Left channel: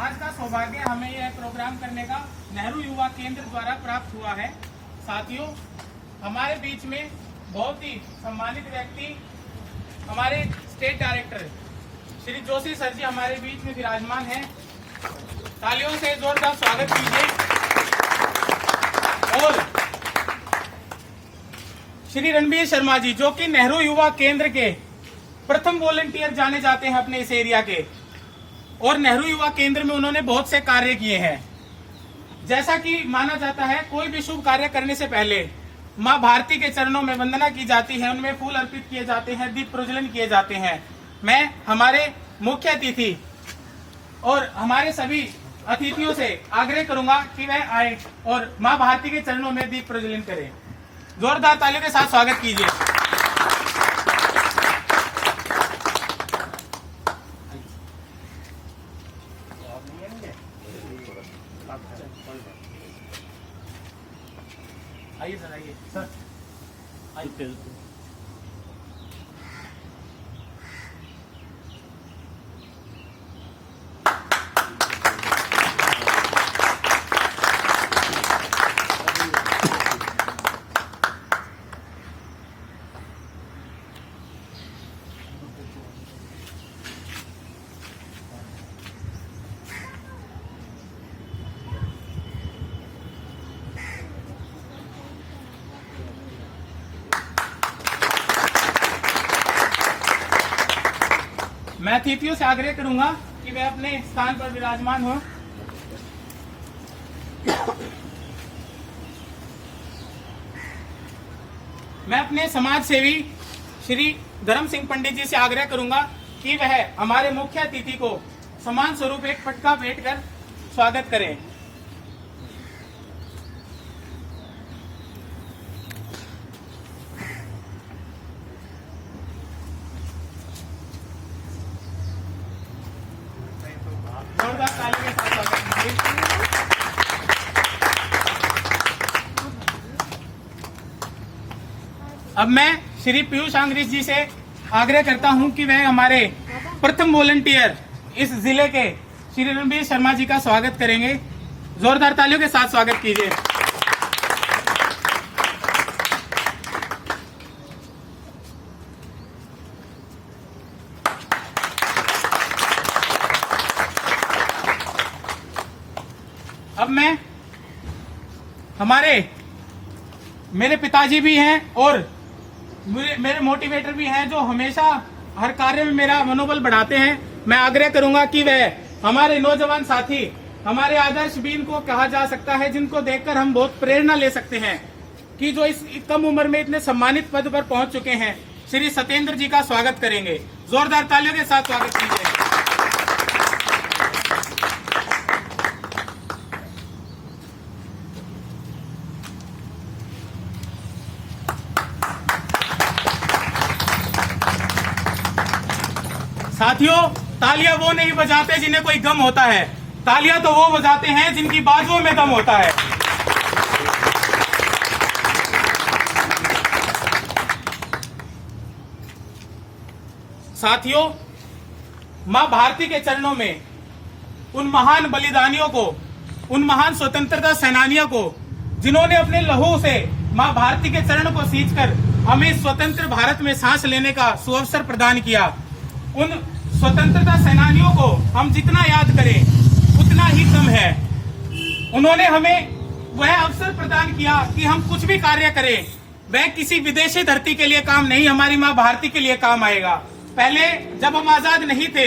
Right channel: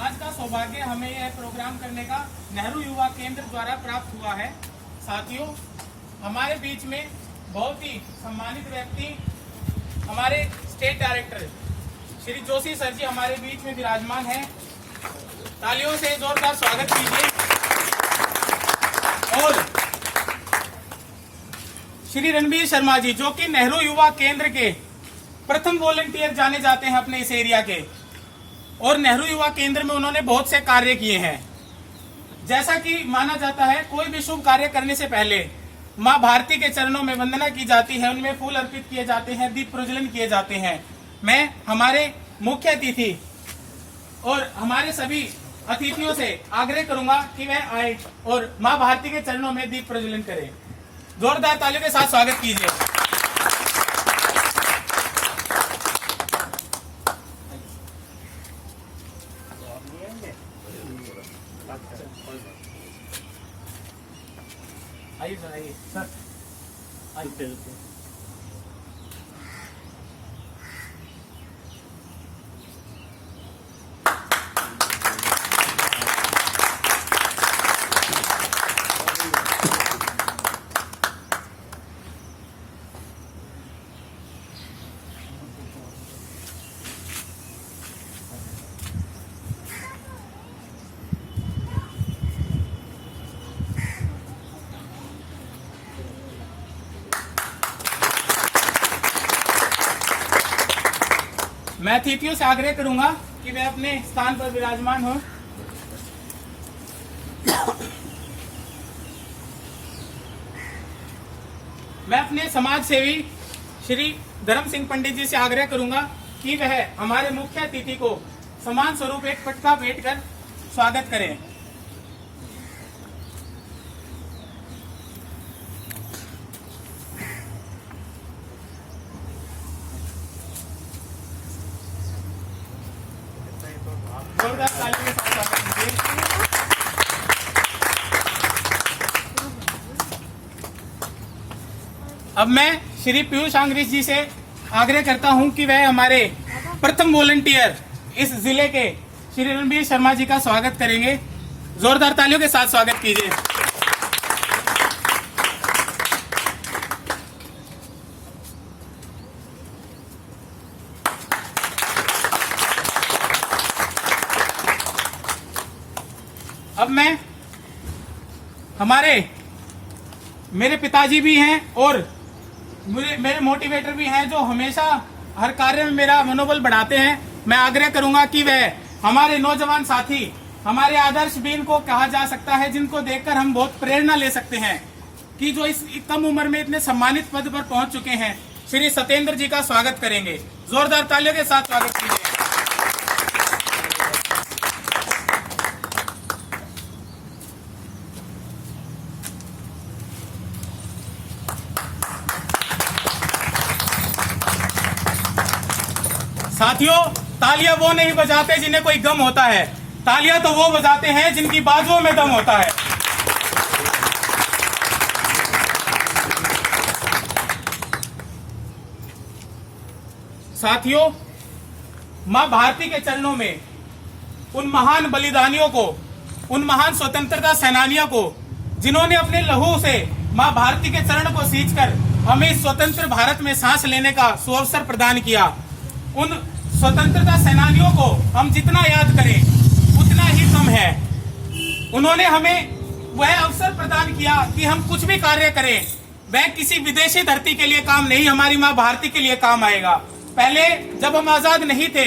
आज का सौभाग्य हमें यह प्रोग्राम करने का नेहरू युवा केंद्र द्वारा प्राप्त हुआ है। साथियों, हमारे बीच में बहुत ही सम्मानित व्यक्ति हमारे state director Shri Joshi sir ji हमारे बीच में विराजमान हैं। तालियों से जोरदार स्वागत कीजिए। और श्री रणबीर शर्मा जी, जो कि नेहरू युवा केंद्र के प्रथम वॉलंटियर जाने जाते हैं अपने इस एरिया के, और नेहरू युवा केंद्र में उन्होंने बहुत से कार्य किए हैं। जैसा कि माना जाता है, कोई भी शुभ कार्य करने से पहले माँ भारती के चरणों में वंदना की जाती है, उनमें फूल अर्पित किए जाते हैं, दीप प्रज्वलन किए जाते हैं। मैं हमारे मुख्य अतिथि और हमारे सभी अतिथियों से आग्रह करूंगा कि वह आए और माँ भारती के चरणों में दीप प्रज्वलन करें। जोरदार तालियों के साथ स्वागत कीजिए। आइए सर, आइए सर, आइए। मैं अतिथियों से आग्रह करूंगा कि वे अपने स्थान पर विराजमान हो। मैं अपने समाज सेवी श्री धर्म सिंह पंडित जी से आग्रह करूंगा कि वह हमारे मुख्य अतिथि को सम्मान स्वरूप एक पटका भेंट कर स्वागत करें। जोरदार तालियों के साथ स्वागत कीजिए। अब मैं श्री पीयूष आंग्रेज जी से आग्रह करता हूं कि वह हमारे प्रथम वॉलंटियर इस जिले के श्री रणबीर शर्मा जी का स्वागत करेंगे। जोरदार तालियों के साथ स्वागत कीजिए। अब मैं मेरे पिताजी भी हैं और मेरे मोटिवेटर भी हैं, जो हमेशा हर कार्य में मेरा मनोबल बढ़ाते हैं। मैं आग्रह करूंगा कि वह हमारे नौजवान साथी, हमारे आदर्श बीन को कहा जा सकता है, जिनको देखकर हम बहुत प्रेरणा ले सकते हैं, कि जो इस कम उम्र में इतने सम्मानित पद पर पहुंच चुके हैं, श्री सत्येंद्र जी का स्वागत करेंगे। जोरदार तालियों के साथ स्वागत कीजिए। साथियों, तालियां वो नहीं बजाते जिन्हें कोई गम होता है, तालियां तो वो बजाते हैं जिनकी बाजुओं में दम होता है। साथियों, मां भारती के चरणों में उन महान बलिदानियों को, उन महान स्वतंत्रता सेनानियों को, जिन्होंने अपने लहू से मां भारती के चरण को सींचकर हमें स्वतंत्र भारत में सांस लेने का सुअवसर प्रदान किया, उन स्वतंत्रता सेनानियों को हम जितना याद करें उतना ही कम है। उन्होंने हमें वह अवसर प्रदान किया कि हम कुछ भी कार्य करें, वह किसी विदेशी धरती के लिए काम नहीं, हमारी मां भारती के लिए काम आएगा। पहले जब हम आजाद नहीं थे,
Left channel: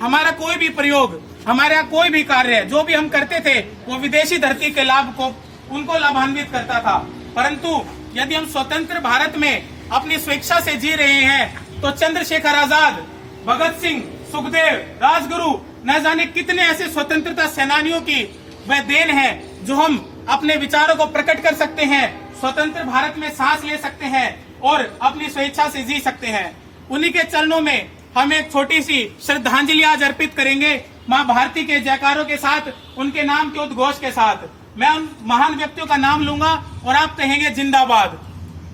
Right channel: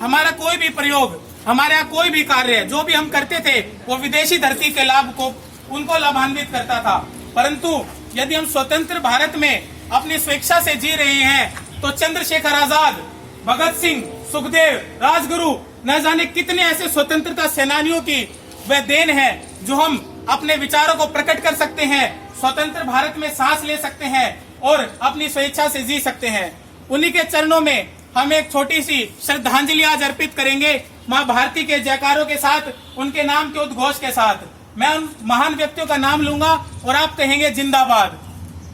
हमारा कोई भी प्रयोग, हमारे यहाँ कोई भी कार्य जो भी हम करते थे, वो विदेशी धरती के लाभ को उनको लाभान्वित करता था। परंतु यदि हम स्वतंत्र भारत में अपनी स्वेच्छा से जी रहे हैं, तो चंद्रशेखर आजाद, भगत सिंह, सुखदेव, राजगुरु, न जाने कितने ऐसे स्वतंत्रता सेनानियों की वह देन है, जो हम अपने विचारों को प्रकट कर सकते हैं, स्वतंत्र भारत में सांस ले सकते हैं और अपनी स्वेच्छा से जी सकते हैं। उन्हीं के चरणों में हम एक छोटी सी श्रद्धांजलि आज अर्पित करेंगे, मां भारती के जयकारों के साथ, उनके नाम के उद्घोष के साथ। मैं उन महान व्यक्तियों का नाम लूंगा और आप कहेंगे जिंदाबाद।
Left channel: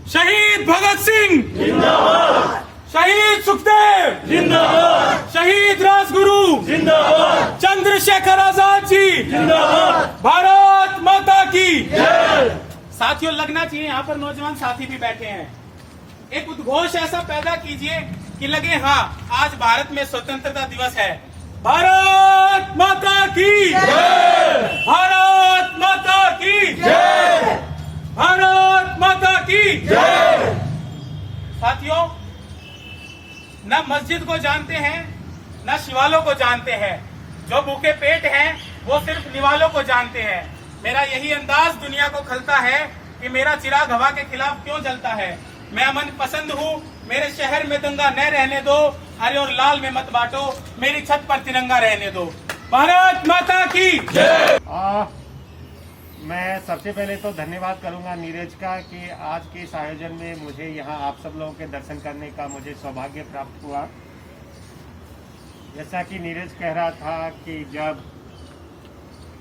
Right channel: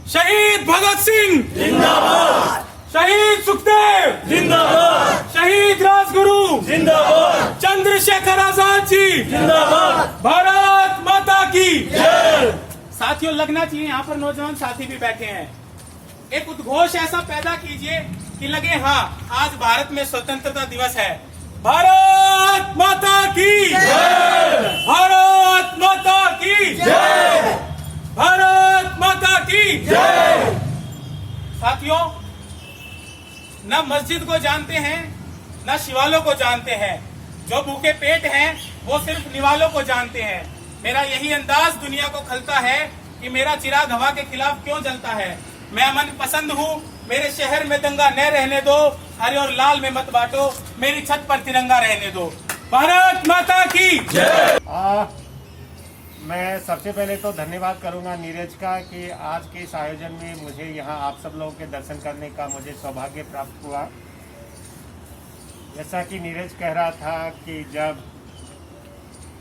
शहीद भगत सिंह जिंदाबाद, शहीद सुखदेव जिंदाबाद, शहीद राजगुरु जिंदाबाद, चंद्रशेखर आजाद जी जिंदाबाद, भारत माता की जय। साथियों, लगना चाहिए यहाँ पर नौजवान साथी भी बैठे हैं। एक उद्घोष ऐसा पैदा कीजिए कि लगे हाँ, आज भारत में स्वतंत्रता दिवस है। भारत माता की जय, भारत माता की जय, भारत माता की जय। साथियों, न मस्जिद को जानते हैं, न शिवालों को जानते हैं। जो भूखे पेट हैं वो सिर्फ निवालों को जानते हैं। मेरा यही अंदाज दुनिया को खलता है कि मेरा चिराग हवा के खिलाफ क्यों जलता है। मैं अमन पसंद हूँ, मेरे शहर में दंगा न रहने दो, हरे और लाल में मत बांटो, मेरी छत पर तिरंगा रहने दो। भारत माता की जय। मैं सबसे पहले तो धन्यवाद करूंगा नीरज का कि आज के इस आयोजन में मुझे यहाँ आप सब लोगों के दर्शन करने का मुझे सौभाग्य प्राप्त हुआ। जैसा कि नीरज कह रहा था कि जब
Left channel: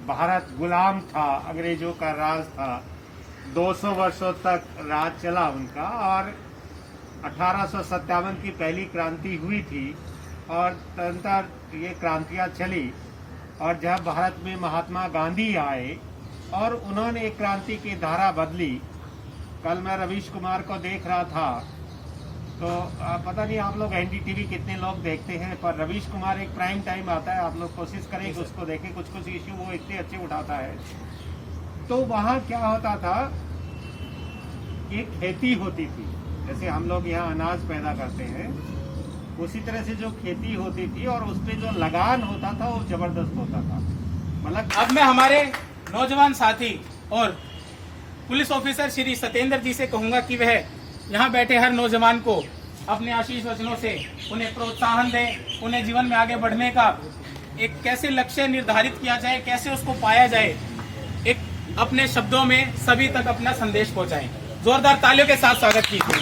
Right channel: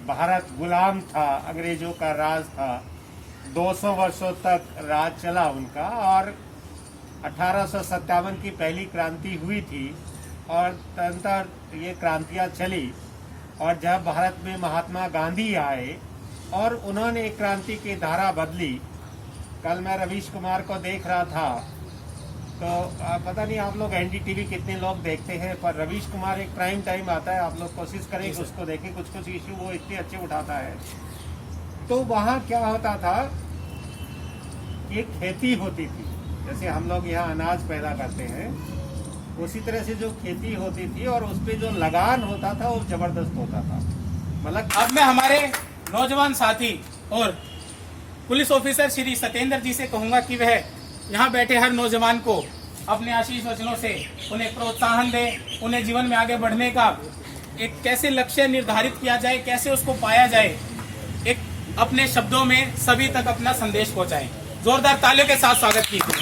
भारत गुलाम था, अंग्रेजों का राज था, 200 वर्षों तक राज चला उनका, और 1857 की पहली क्रांति हुई थी और तदनंतर ये क्रांतियाँ चली। और जब भारत में महात्मा गांधी आए और उन्होंने एक क्रांति की धारा बदली। कल मैं रवीश कुमार को देख रहा था, तो पता नहीं आप लोग एनडीटीवी कितने लोग देखते हैं, पर रवीश कुमार एक प्राइम टाइम आता है, आप लोग कोशिश करें कि उसको देखें। कुछ कुछ इश्यू वो इतने अच्छे उठाता है। तो वहाँ क्या होता था, एक खेती होती थी, जैसे हम लोग यहाँ अनाज पैदा करते हैं, उसी तरह से जो खेती होती थी और उस पर जो लगान होता था वो जबरदस्त होता था। मतलब अब मैं हमारे नौजवान साथी और पुलिस ऑफिसर श्री सत्येंद्र जी से कहूंगा कि वह यहाँ बैठे हर नौजवान को अपने आशीष वचनों से उन्हें प्रोत्साहन दें, उन्हें जीवन में आगे बढ़ने का एक कैसे लक्ष्य निर्धारित किया जाए, कैसे उसको पाया जाए, एक अपने शब्दों में सभी तक अपना संदेश पहुंचाएं। जोरदार तालियों के साथ स्वागत कीजिए।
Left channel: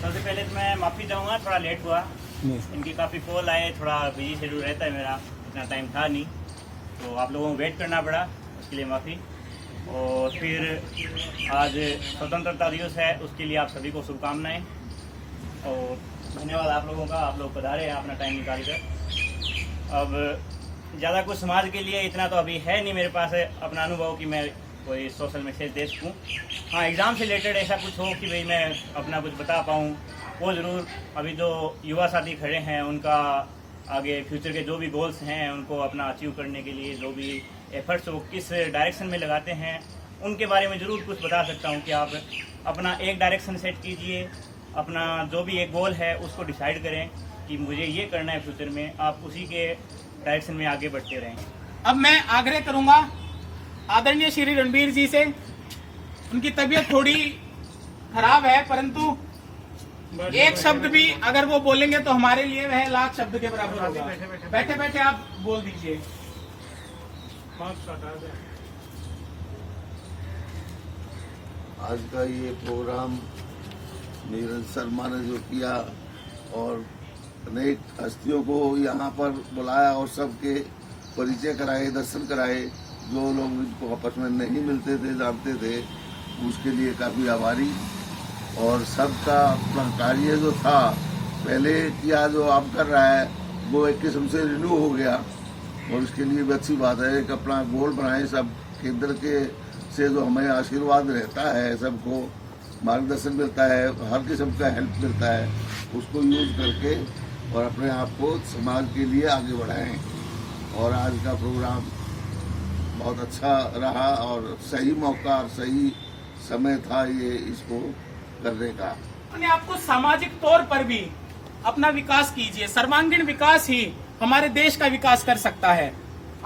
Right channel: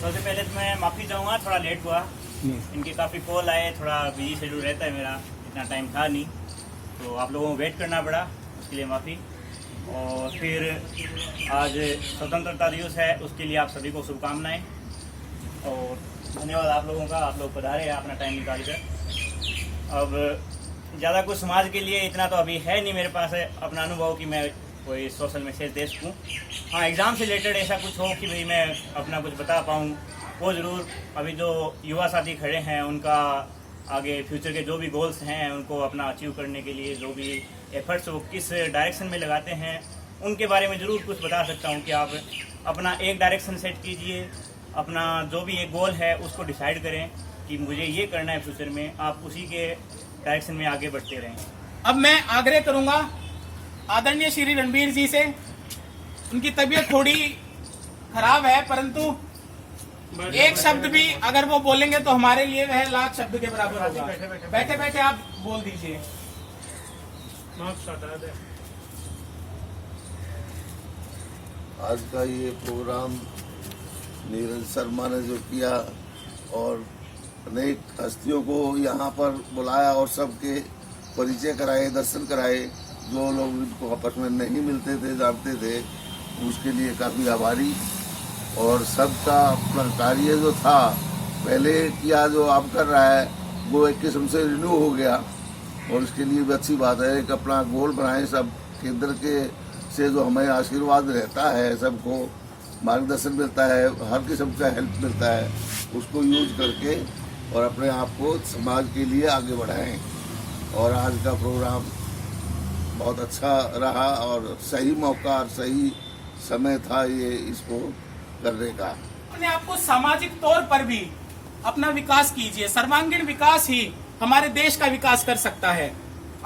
सबसे पहले तो मैं माफी चाहूंगा, थोड़ा लेट हुआ। इनके काफी कॉल आए, थोड़ा बिजी शेड्यूल रहता है मेरा, इतना टाइम था नहीं, तो आप लोगों को वेट करना पड़ा, उसके लिए माफी। और फिर आज स्वतंत्रता दिवस है, उसके लिए आप सभी को शुभकामनाएं और धन्यवाद आप लोगों का, आप लोग पधारे हैं अपना टाइम निकाल कर। अब ज़्यादा कुछ समाज के लिए इतना तो अभी है नहीं मेरे पास है अपना अनुभव कि मैं कोई सोशल मैसेज दे सकूँ। हाँ, एग्ज़ाम से रिलेटेड ऐसा कुछ हो कि भाई मैं अपना कुछ बता पाऊँ, वो ज़रूर। अभी जो युवा साथी खड़े हैं उनका आगे फ्यूचर के जो भी गोल्स हैं उनको अपना अचीव करने के लिए जो भी एफर्ट्स वो किस डायरेक्शन में लगाते हैं, उनके बारे में ज़रूर कुछ बता सकता हूँ कि आप अपना एक डायरेक्शन सेट कीजिए, अपना जो भी एक गोल है उसको डिसाइड करें कि मुझे ये करना है फ्यूचर में, आप उसी के डायरेक्शन में आगे बढ़ते रहें। अब मैं आग्रह करूंगा आदरणीय श्री रणबीर जी से, उनकी तबीयत थोड़ी खराब है, परंतु एक शब्द भी अगर वो बोलेंगे तो हमारे लिए वह लाख शब्द के बराबर होगा। बैठे बैठे आप बोल दीजिए। आज का ये प्रोग्राम नीरज शर्मा ने जो किया और अनेक हस्तियों को यहाँ पर बुलाया और सबके परिचय कराए, दर्शन कराए, जो लोग इनको आपस में नहीं मिलते थे, जानते थे, उसके लिए काफ़ी आभारी। और सबका अपना कार्य जो था पहले किया जो आप कर रहा है वो एक किस्म से रिन्यू हो गया और इसके लिए भी अच्छी बात है कि अपना गोल बनाए। सब केंद्र के से जो हमें आशीर्वाद रहता है, सबको मार्गदर्शन मिलता है, हर किस्म का हेल्प मिलता है, उसको यूज करके और अपने आप को समाज के लिए आगे बढ़ाएं। और आज का प्रोग्राम बहुत अच्छा रहा और सही मौका, सही समय था ये इसको करने का। अपने आप को सामाजिक तौर पर भी अपना विकास कीजिए। सर्वांगीण विकास ही हमारे देश का विकास कर सकता है।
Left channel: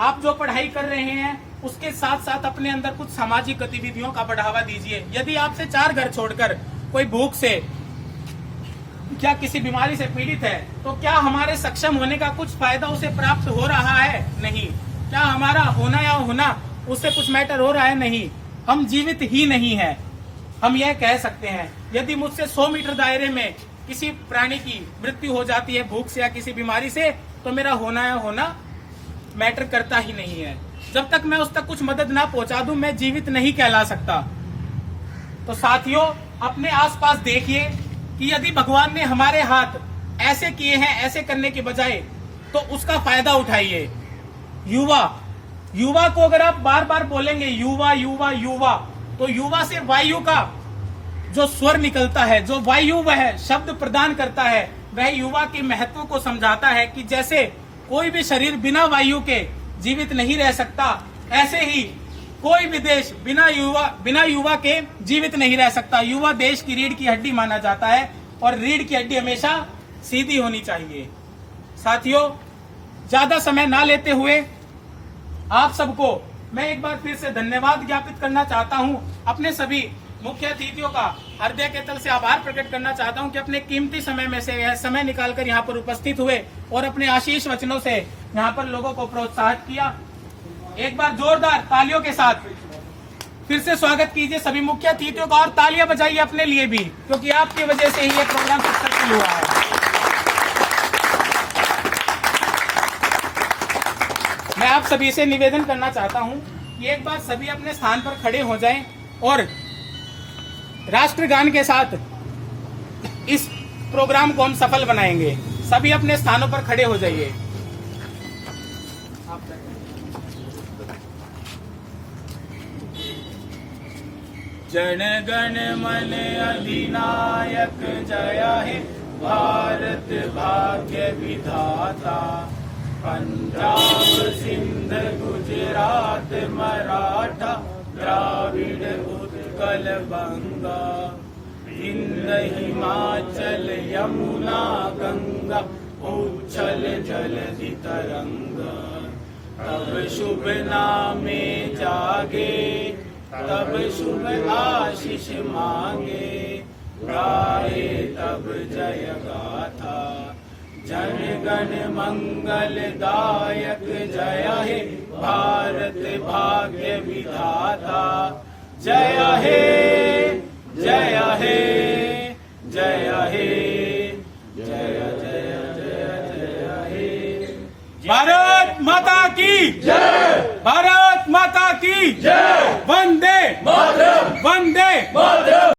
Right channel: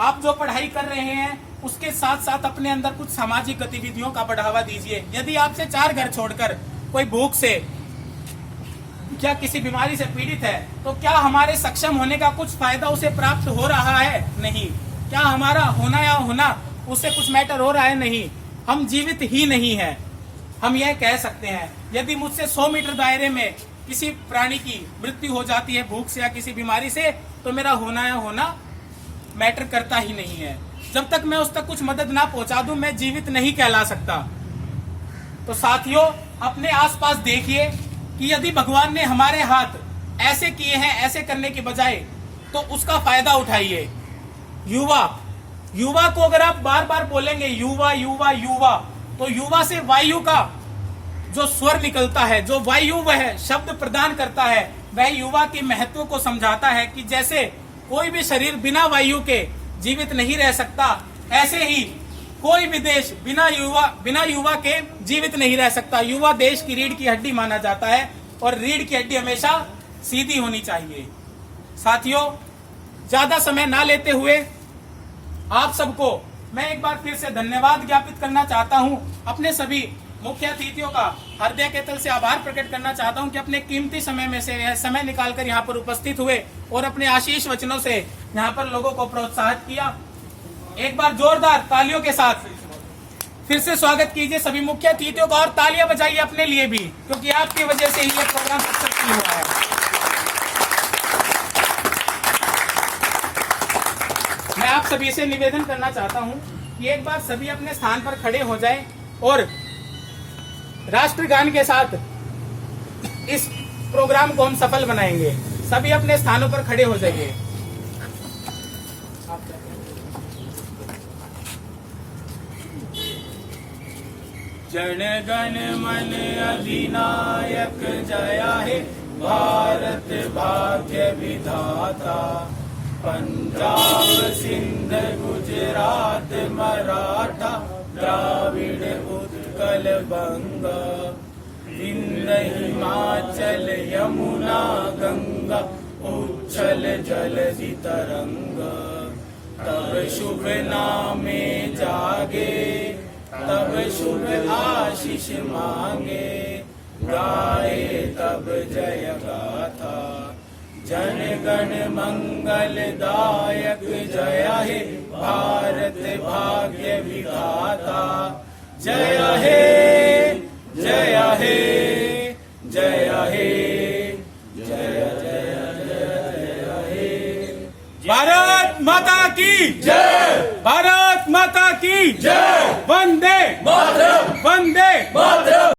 आप जो पढ़ाई कर रहे हैं उसके साथ साथ अपने अंदर कुछ सामाजिक गतिविधियों का बढ़ावा दीजिए। यदि आपसे 4 घर छोड़कर कोई भूख से क्या किसी बीमारी से पीड़ित है तो क्या हमारे सक्षम होने का कुछ फायदा उसे प्राप्त हो रहा है? नहीं। क्या हमारा होना या होना उससे कुछ मैटर हो रहा है? नहीं। हम जीवित ही नहीं है। हम यह कह सकते हैं यदि मुझसे 100 मीटर दायरे में किसी प्राणी की मृत्यु हो जाती है भूख से या किसी बीमारी से, तो मेरा होना या होना मैटर करता ही नहीं है। जब तक मैं उस तक कुछ मदद ना पहुंचा दूं मैं जीवित नहीं कहला सकता। तो साथियों, अपने आसपास देखिए कि यदि भगवान ने हमारे हाथ ऐसे किए हैं, ऐसे करने के बजाय तो उसका फायदा उठाइए। युवा, युवा को अगर आप बार बार बोलेंगे युवा युवा युवा, तो युवा से वायु का जो स्वर निकलता है, जो वायु वह शब्द प्रदान करता है, वह युवा की महत्व को समझाता है कि जैसे कोई भी शरीर बिना वायु के जीवित नहीं रह सकता, ऐसे ही कोई भी देश बिना युवा के जीवित नहीं रह सकता। युवा देश की रीढ़ की हड्डी माना जाता है और रीढ़ की हड्डी हमेशा सीधी होनी चाहिए। साथियों, ज्यादा समय ना लेते हुए आप सबको मैं एक बार फिर से धन्यवाद ज्ञापित करना चाहता हूं। अपने सभी मुख्य अतिथियों का हृदय के तल से आभार प्रकट करना चाहता हूं कि अपने कीमती समय में से यह समय निकालकर यहां पर उपस्थित हुए और अपने आशीष वचनों से यहां पर लोगों को प्रोत्साहित किया। एक बार जोरदार तालियों के साथ फिर से स्वागत कीजिए सभी मुख्य अतिथियों का, और तालियां बजाइए अपने लिए भी, क्योंकि आपकी वजह से ही यह प्रोग्राम सक्सेसफुल हुआ है। मैं आप सभी से निवेदन करना चाहता हूं कि एक बार सभी अपने स्थान पर खड़े हो जाएं और राष्ट्रगान के साथ इस प्रोग्राम को हम सफल बनाएंगे। सभी अपने स्थानों पर खड़े हो जाइए। जन गण मन अधिनायक जया हे भारत भाग्य विधाता, पंजाब सिंध गुजरात मराठा द्राविड़ उत्कल बंगा, विंध्य हिमाचल यमुना गंगा उच्छल जलधि तरंगा। तब शुभ नामे जागे, तब शुभ आशीष मांगे, गाए तब जय गाथा। जन गण मंगल दायक जय हे भारत भाग्य विधाता, जय हे जय हे जय हे जय जय जय जय हे। भारत माता की जय, भारत माता की जय। वंदे मातरम, वंदे मातरम।